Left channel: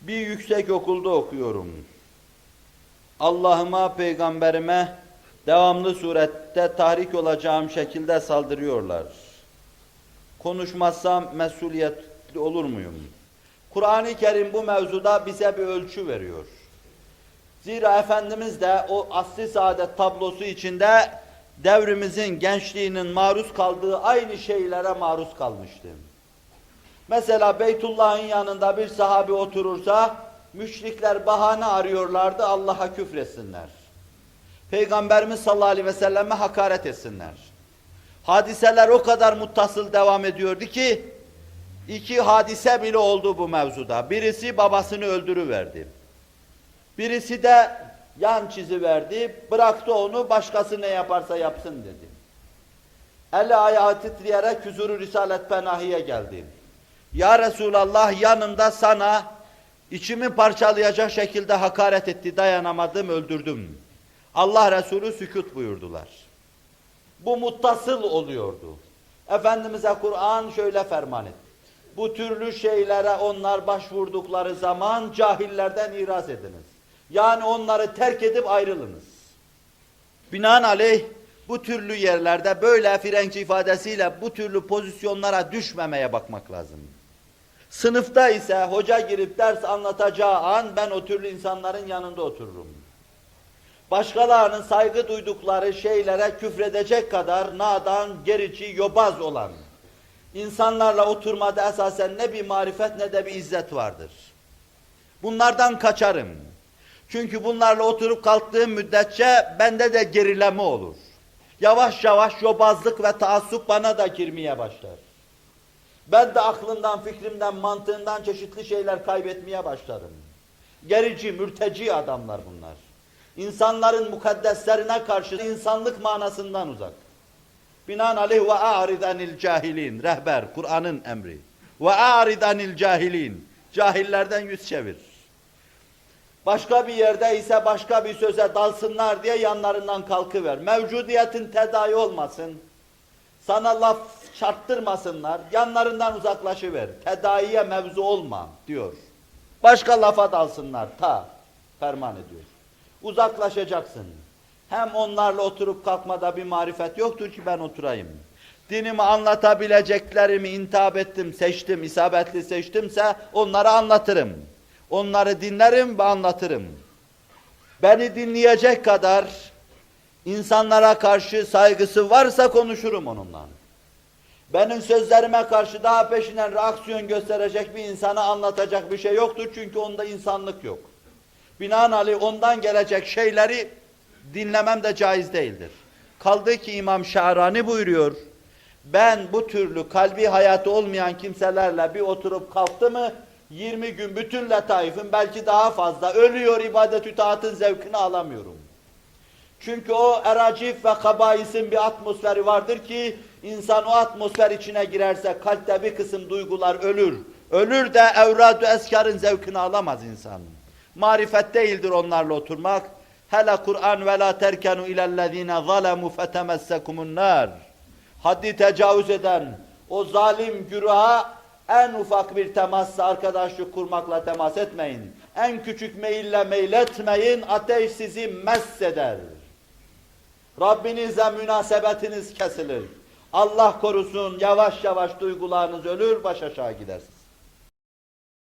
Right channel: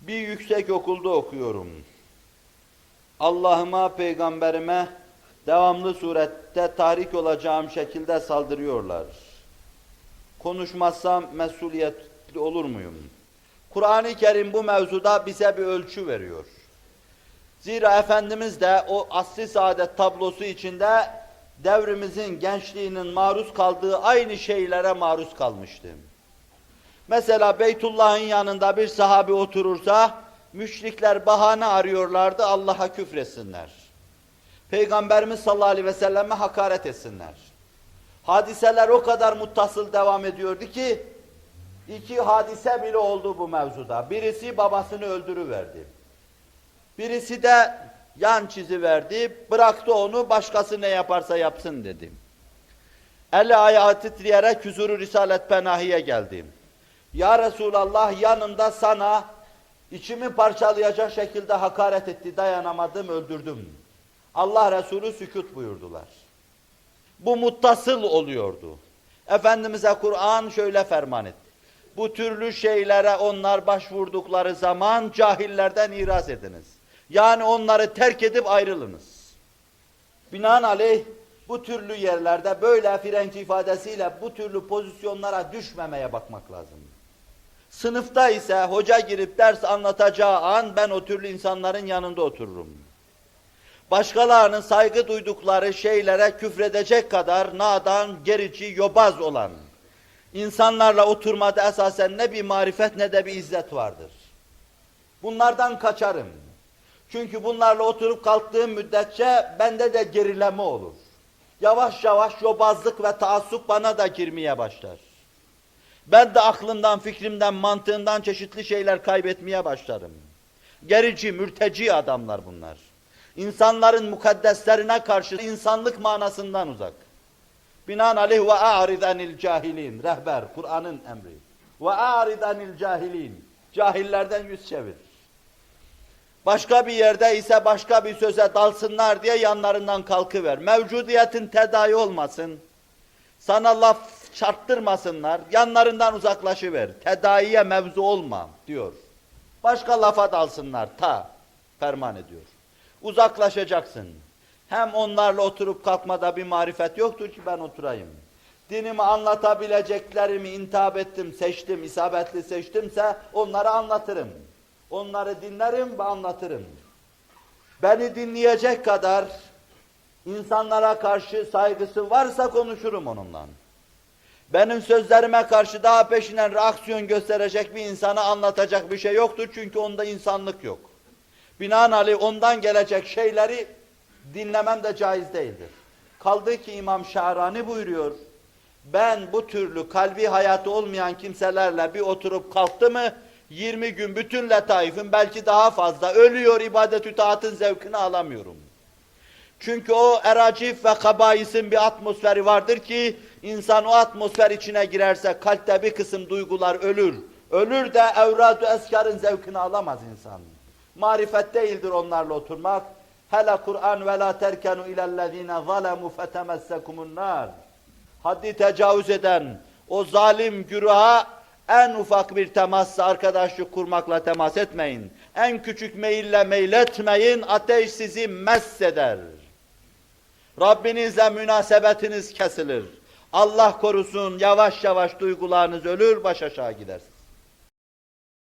Bir yüksek okulda okuyorum. Allah'ıma, peygamberime devamlı surette tahrik olacağım şekilde saldırıyorlar. Konuşmazsam mesuliyetli olur muyum? Kur'an-ı Kerim bu mevzuda bize bir ölçü veriyor. Zira Efendimiz de o asli saadet tablosu içinde devrimizin gençliğinin maruz kaldığı aynı şeylere maruz kalmıştı. Mesela Beytullah'ın yanında bir sahabi oturursa müşrikler bahane arıyorlardı Allah'a küfresinler. Peygamberimiz sallallahu aleyhi ve selleme hakaret etsinler. Hadiseler o kadar muttasıl devam ediyordu ki iki hadise bile oldu bu mevzuda. Birisi babasını öldürüverdi. Birisi de yan çizi verdi, bıraktı onu başkası ne yaparsa yapsın dedi. Eli ayağı titreyerek huzuru Risalet Penahi'ye geldi. Ya Resulallah yanımda sana içimi parçalayacak şekilde hakaret etti, dayanamadım, öldürdüm. Allah Resulü sükut buyurdular. Bu muttasıl oluyordu. Efendimiz'e Kur'an şöyle ferman etti. Bu türlü şeylere onlar başvurdukları zaman cahillerden iraz ediniz. Yani onları terk edip ayrılınız. Binaenaleyh bu türlü yerlerde böyle Frenç ifadesiyle bu türlü pozisyonlara düşmemeye bakmak lazım. Sınıfta ise hoca girip ders anlatacağı an ben o türlü insanların yanında otururum. Başkalarının saygı duydukları şeylere küfredecek kadar nadan, gerici, yobaz olan insanlarla oturmada esasen ne bir marifet ne de bir izzet vardır. Bunlardan kaçarım. Çünkü bunlarla oturup kalktığım müddetçe bende de gerileme olur. Yavaş yavaş yobazlık ve taassup bana da girmeye başlar. Ben de aklından, fikrimden, mantığından çeşitli şeyler kaybetmeye başlarım. Gerici, mürteci adamlar bunlar. İnsanların mukaddeslerine karşı insanlık manasından uzak. Binaenaleyh ve a'ridanil cahilin. Rehber, Kur'an'ın emri. Ve a'ridanil cahilin. Cahillerden yüz çevir. Başka bir yerde ise başka bir söze dalsınlar diye yanlarından kalkıver. Mevcudiyetin tedavi olmasın. Sana laf çarptırmasınlar. Yanlarından uzaklaşıver. Tedaviye mevzu olma diyor. Başka lafa dalsınlar ta ferman ediyor. Uzaklaşacaksın. Hem onlarla oturup kalkmada bir marifet yoktur ki ben oturayım. Dinimi anlatabileceklerimi intihap ettim, seçtim, isabetli seçtimse onları anlatırım. Onları dinlerim ve anlatırım. Beni dinleyecek kadar insanlara karşı saygısı varsa konuşurum onunla. Benim sözlerime karşı daha peşinen reaksiyon gösterecek bir insana anlatacak bir şey yoktur çünkü onda insanlık yok. Binaenaleyh ondan gelecek şeyleri dinlemem de caiz değildir. Kaldı ki İmam Şahrani buyuruyor, ben bu türlü kalbi hayatı olmayan kimselerle bir oturup kalktı mı, 20 gün bütün letaifim belki daha fazla ölüyor ibadet-ü taatın zevkini alamıyorum. Çünkü o eracif ve kabaisin bir atmosferi vardır ki insan o atmosfer içine girerse kalpte bir kısım duygular ölür. Ölür de evrad-ı eskarın zevkini alamaz insan. Marifet değildir onlarla oturmak. Hele Kur'an ve la terkenu ilellezine zalemu fetemessekumun nar. Haddi tecavüz eden o zalim güruha en ufak bir temasla arkadaşlık kurmakla temas etmeyin. En küçük meyille meyletmeyin. Ateş sizi messeder. Rabbinizle münasebetiniz kesilir. Allah korusun yavaş yavaş duygularınız ölür, baş aşağı gidersiniz.